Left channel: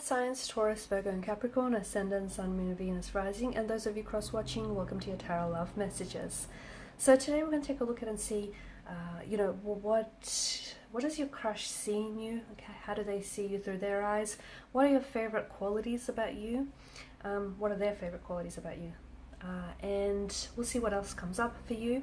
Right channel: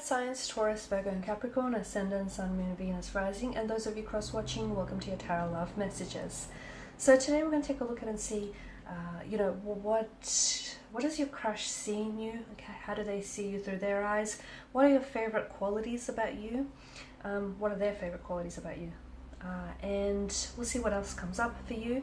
earth signs Taurus, Virgo and Capricorn, ascendant, sun, moon, Venus, rising, and those of you cross-watching, welcome to your tarot love messages. So today we're going to take a look at and see, what does your crush see in you? Okay, how do they see you through their eyes? What are your favorite qualities about you? What are their favorite qualities about you? And we'll see what else comes up for you.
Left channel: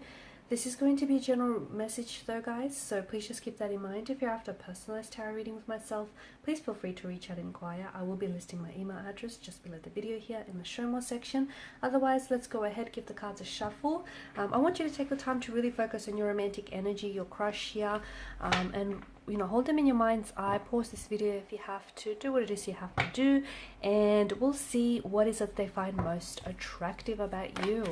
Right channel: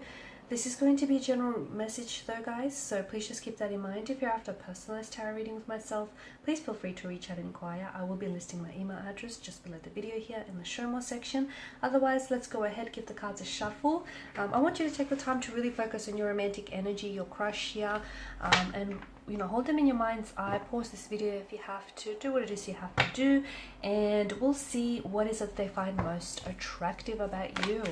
This is going to be a general message though, guys, so please just keep that in mind. If you're after a personalized tarot reading with myself, please feel free to reach out and inquire. I will be listing my email address just below the video here in the show more section. Otherwise, let's go ahead, give the cards a shuffle. I want you to take the time to really focus on your romantic energy, your crush here, and hold them in your mind's eye. Pause this video if you have to, do what it is you have to do, and we'll see what is it they find most attractive about you.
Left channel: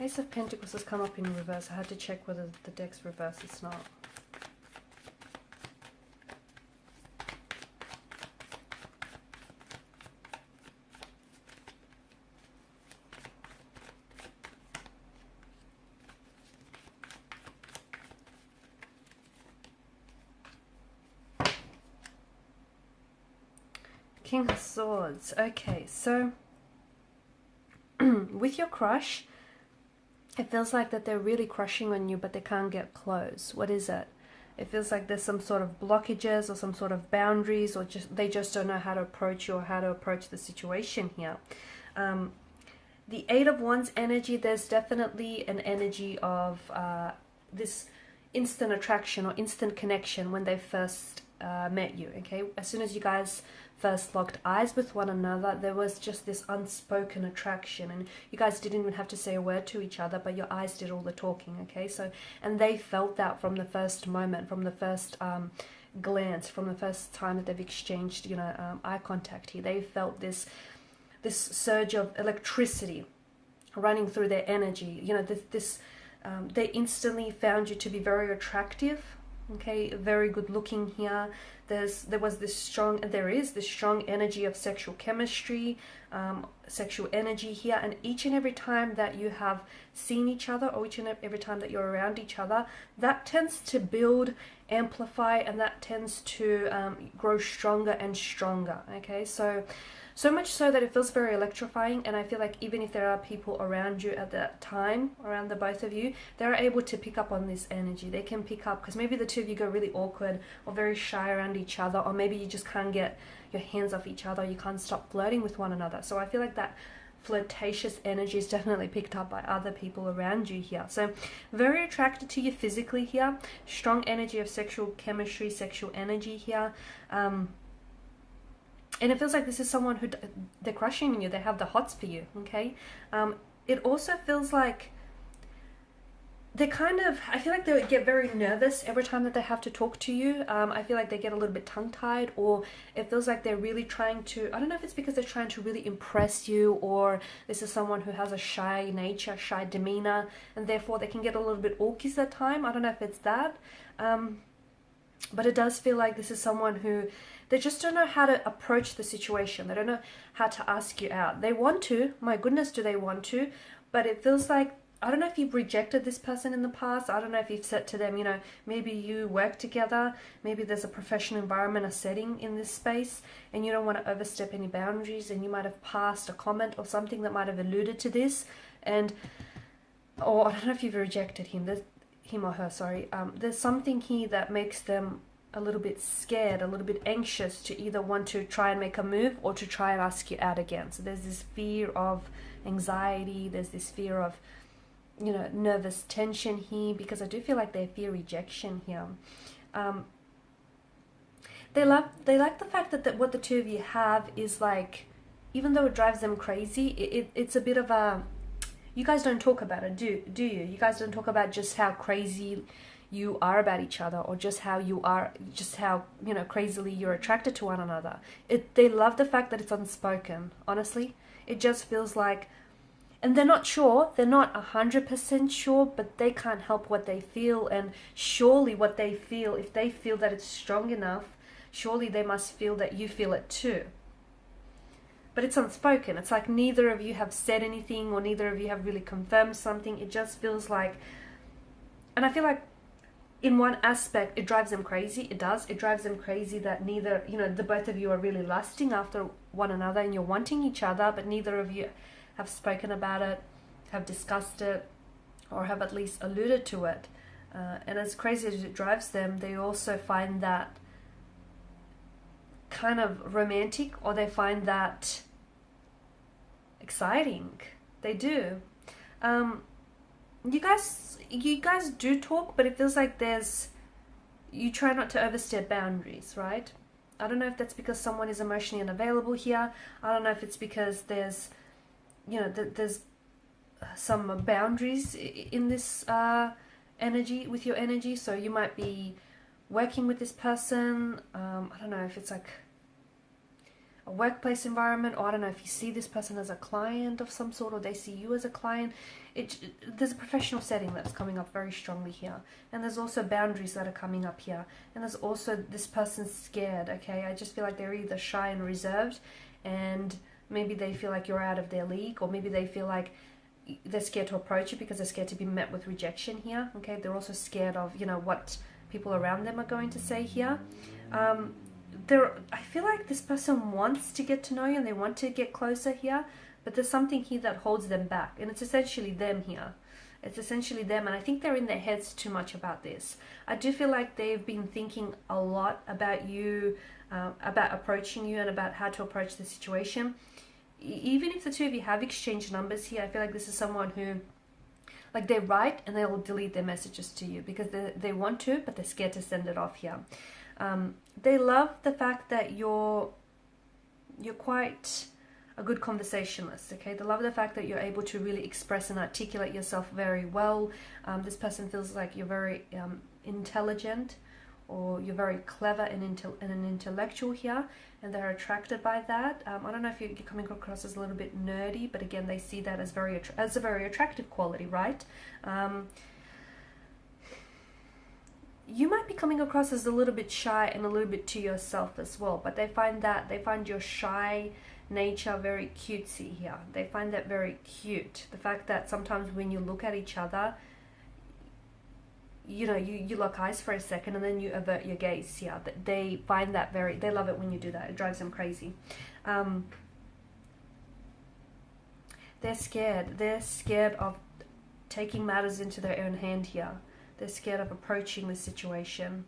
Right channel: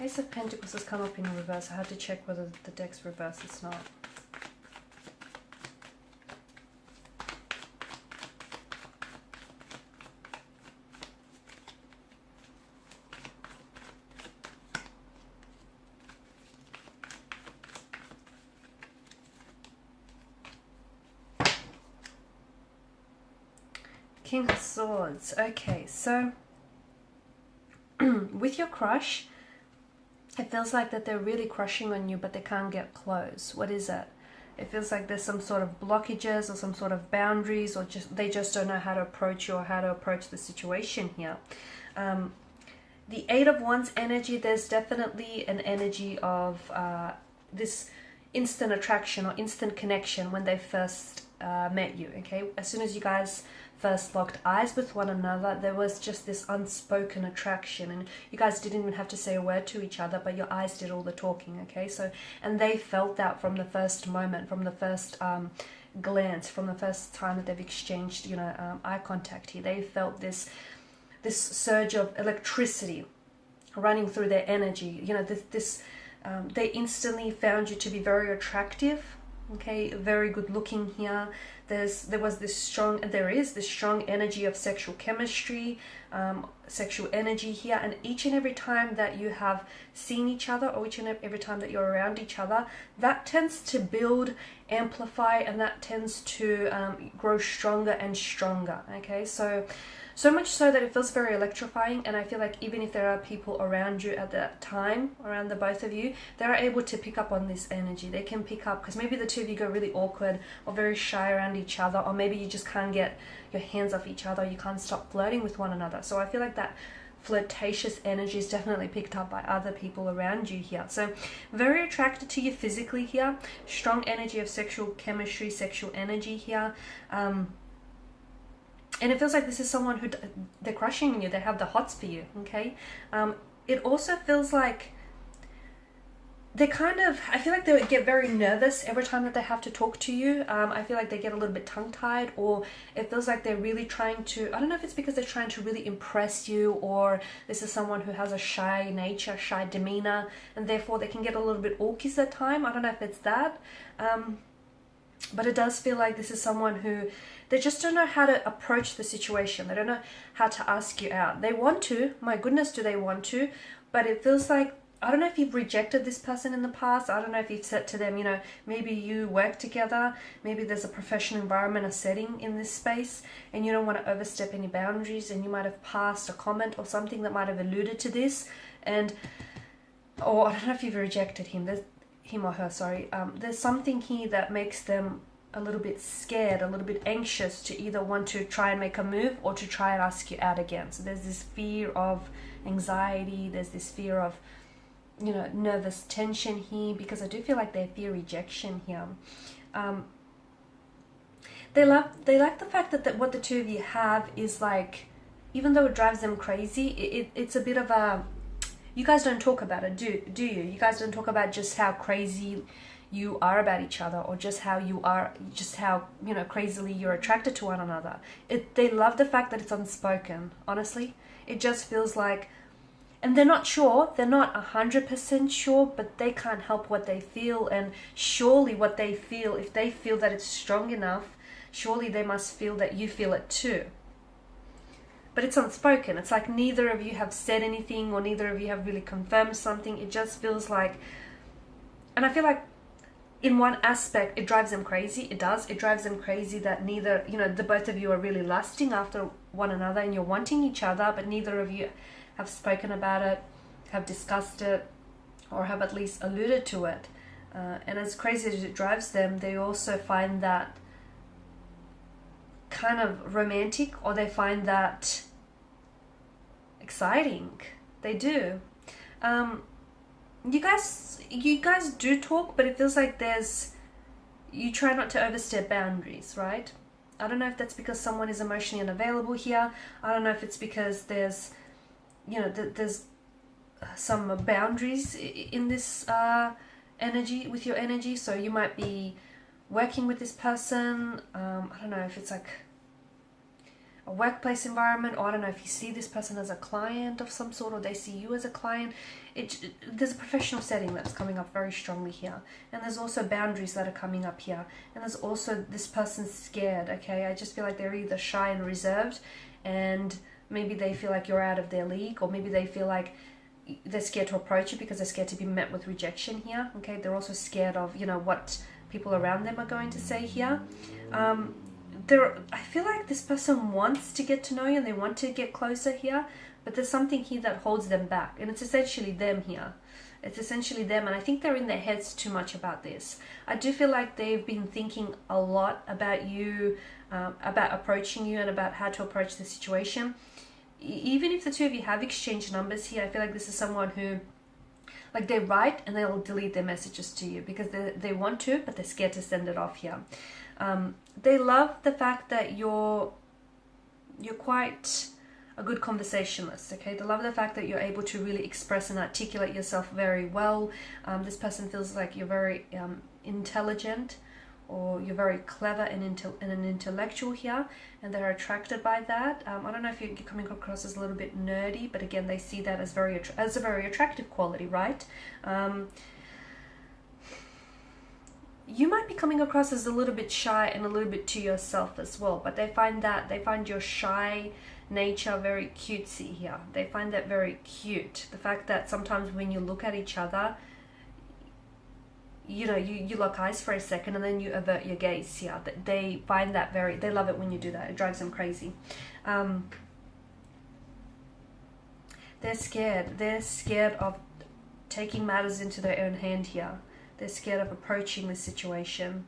Ace of Pentacles has come up in reverse. I had to check whether the deck's reversed. It's not. King of Swords. Okay, so with your crush, it feels like that they're really crushing on you, but they can't get close. What is it? It feels like there's some sort of blockages or some sort of boundaries, or they just don't know how to approach you or how to approach the situation here. The Eight of Wands energy, there's definitely an energy of this instant attraction or instant connection when they first met you, okay? As soon as you guys first locked eyes with one another, there was just this unspoken attraction, and you guys didn't even have to say a word to each other, but your eyes did all the talking, okay? So, and they felt that from the first moment, from the first glance, from the first time that they've exchanged, eye contact here. They felt this surge of electricity running through their energy. They instantly found you to be very attractive, okay? Very good looking here. There is this strong energy of sexual chemistry, sexual energy here, and each and every time that you have seen each other, or each and every time that you're around each other, that tends to build, amplify, and that tends to grow stronger and stronger, okay? So much so that it feels very electrifying, and I feel like even if there are people around you at that time, around the both of you, they're able to pick up on this energy. They can pick up, because maybe the two of you go really awkward or very shy around each other, or maybe you just can't get your hands off each other, you can't stop flirting with one another. So I feel like that flirtatious energy is definitely picked up by other people around you here. So very attracted to you physically here, strong energy of sexual chemistry, sexual energy here. And it feels like this is someone who they're crushing on you. They have the hots for you, okay? It also feels like I feel like they get very nervous every time that they have to talk to you. I feel like they get a little bit tongue-tied, or it feels like they're really trying to, I don't know if it's because they're trying to really impress you, or this is someone who has a shy nature, shy demeanor, and therefore they can get a little bit awkward at time. I don't know if it's that. But it does feel like this is someone who, they just don't know how to approach the situation. They don't know how to ask you out. They want to, my goodness, do they want to? But it feels like, I don't know if you've rejected this person in the past. I don't know if you've said to them, maybe you work together. Maybe there's a professional environment, a setting in this space, and you don't want to overstep any boundaries, and you might have passed a comment or something that might have alluded to this. Or I don't know if you've rejected him. Him or her, sorry. There's something here that makes them a little bit scared, a little bit anxious to either want to try and make a move or to try and ask you out again. So there's this fear of anxiety, there's this fear of, nervous tension here, because I do feel like they fear rejection here. They like the fact that what the two of you have is like, even though it drives them crazy, it's a bit of a You guys don't talk about it, do you? You guys don't talk about just how crazy you are about each other, or just how you are, just how, you know, crazily you're attracted to one another. They love the fact that it's unspoken, honestly. It just feels like, and they're not sure, they're not 100% sure, but they can't help what they feel, and surely what they feel, if they feel that it's strong enough, surely they must feel that you feel it too. But it's unspoken. It's like neither of you have said anything, or neither of you have really confirmed something. It just feels like, and I feel like in one aspect, it drives them crazy. It does. It drives them crazy that neither, you know, the both of you are really lusting after one another and you're wanting each other, but neither of you have spoken about it, have discussed it, or have at least alluded to it. And as crazy as it drives them, they also find that kind of romantic, or they find that exciting. They do. You guys do talk, but it feels like you try not to overstep boundaries, right? I don't know if that's because someone is emotionally unavailable here. I don't know if it's because there's, you know, there's some boundaries in this energy, with your energy. So you might be working with this person. I don't know if it's like a workplace environment, or I don't know if you see this person as a client of some sort, or they see you as a client. There's a professional setting that's coming up very strongly here, and there's also boundaries that are coming up here, and there's also this person's scared. Okay, I just feel like they're either shy and reserved, and maybe they feel like you're out of their league, or maybe they feel like they're scared to approach you because they're scared to be met with rejection here. Okay, they're also scared of, you know, what people around them are going to say here. I feel like this person wants to get to know you and they want to get closer here, but there's something here that holds them back, and it's essentially them here. It's essentially them, and I think they're in their heads too much about this. I do feel like they've been thinking a lot about you, about approaching you, and about how to approach the situation. Even if the two of you have exchanged numbers here, I feel like this is someone who, like, they write and they'll delete their messages to you because they want to, but they're scared to send it off here. They love the fact that you're quite a good conversationalist, okay? They love the fact that you're able to really express and articulate yourself very well. This person feels like you're very intelligent, or you're very clever and an intellectual here, and they're attracted by that. I don't know if you're coming across as a little bit nerdy, but again, they see that as a very attractive quality, right? You might be coming across as a little bit shy and a little bit to yourself as well, but they find your shy nature very cutesy here. They find that very cute. The fact that sometimes when you look at each other, you know, you lock eyes for a second and then you avert your gaze here. They find that they love it when you do that. It drives them crazy. They're scared. They're scared of taking matters into their own hand here. They're scared of approaching this situation.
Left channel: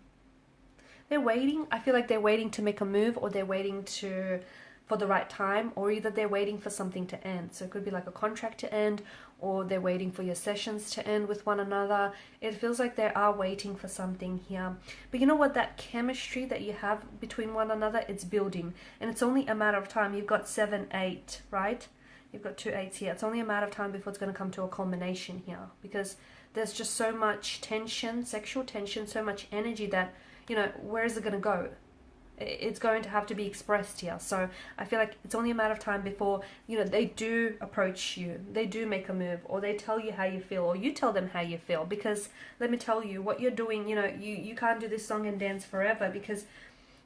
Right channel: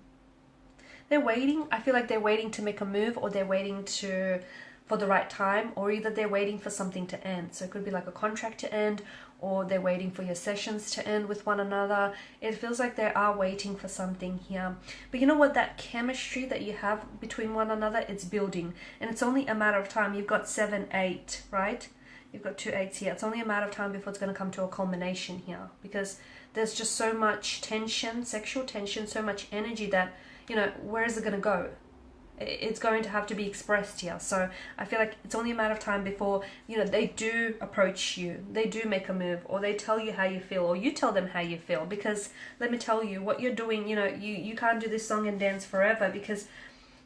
They're waiting. I feel like they're waiting to make a move, or they're waiting for the right time, or either they're waiting for something to end. So it could be like a contract to end, or they're waiting for your sessions to end with one another. It feels like they are waiting for something here. But you know what? That chemistry that you have between one another, it's building. And it's only a matter of time. You've got 7, 8, right? You've got 2 8s here. It's only a matter of time before it's going to come to a culmination here. Because there's just so much tension, sexual tension, so much energy that, you know, where is it going to go? It's going to have to be expressed here. So I feel like it's only a matter of time before, you know, they do approach you, they do make a move, or they tell you how you feel, or you tell them how you feel. Because let me tell you, what you're doing, you know, you can't do this song and dance forever, because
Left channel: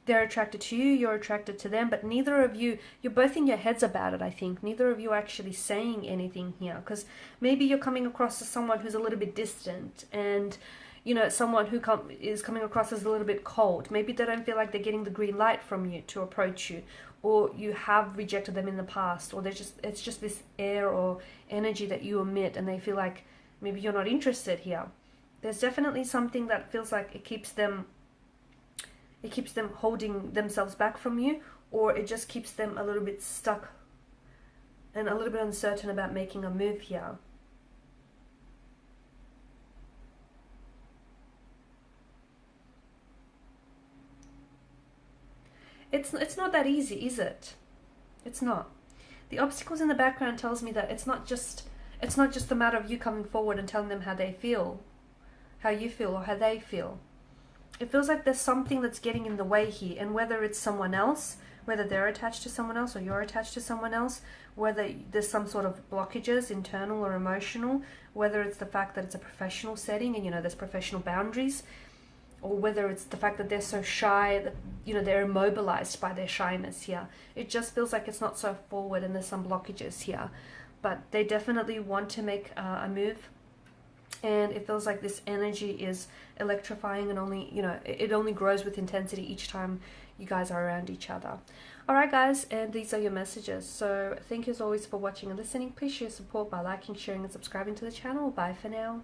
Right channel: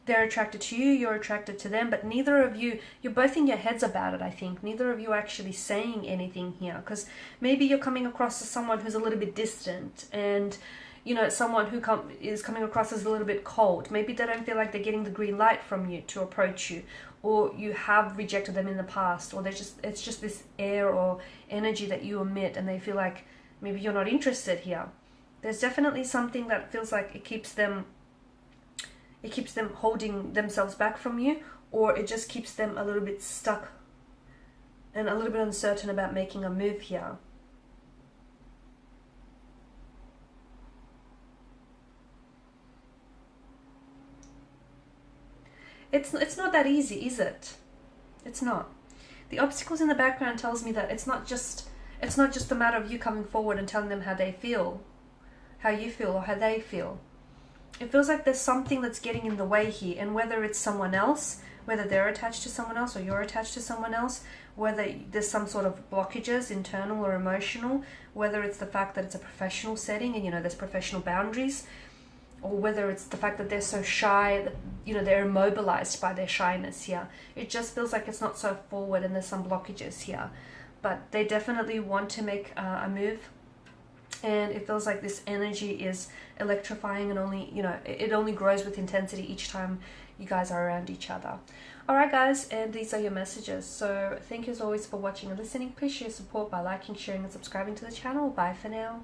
they're attracted to you, you're attracted to them, but neither of you, you're both in your heads about it, I think. Neither of you are actually saying anything here, because maybe you're coming across as someone who's a little bit distant, and, you know, someone who is coming across as a little bit cold. Maybe they don't feel like they're getting the green light from you to approach you, or you have rejected them in the past, or it's just this air or energy that you emit, and they feel like maybe you're not interested here. There's definitely something that feels like it keeps them holding themselves back from you, or it just keeps them a little bit stuck and a little bit uncertain about making a move here. It's not that easy, is it? It's not. The obstacles in the background tells me that it's It's not just a matter of you coming forward and telling them how they feel, how you feel, or how they feel. It feels like there's something that's getting in the way here, and whether it's someone else, whether they're attached to someone else or you're attached to someone else, whether there's some sort of blockages, internal or emotional, whether it's the fact that it's a professional setting and, you know, there's professional boundaries, or whether it's the fact that they're so shy that, you know, they're immobilized by their shyness here. It just feels like it's not so forward and there's some blockages here. But they definitely want to make a move. And it feels like this energy is electrifying and only, you know, it only grows with intensity each time you guys are around each other. Alright guys, and these are your messages. So thank you as always for watching and listening. Appreciate your support by liking, sharing and subscribing to the channel. Bye for now.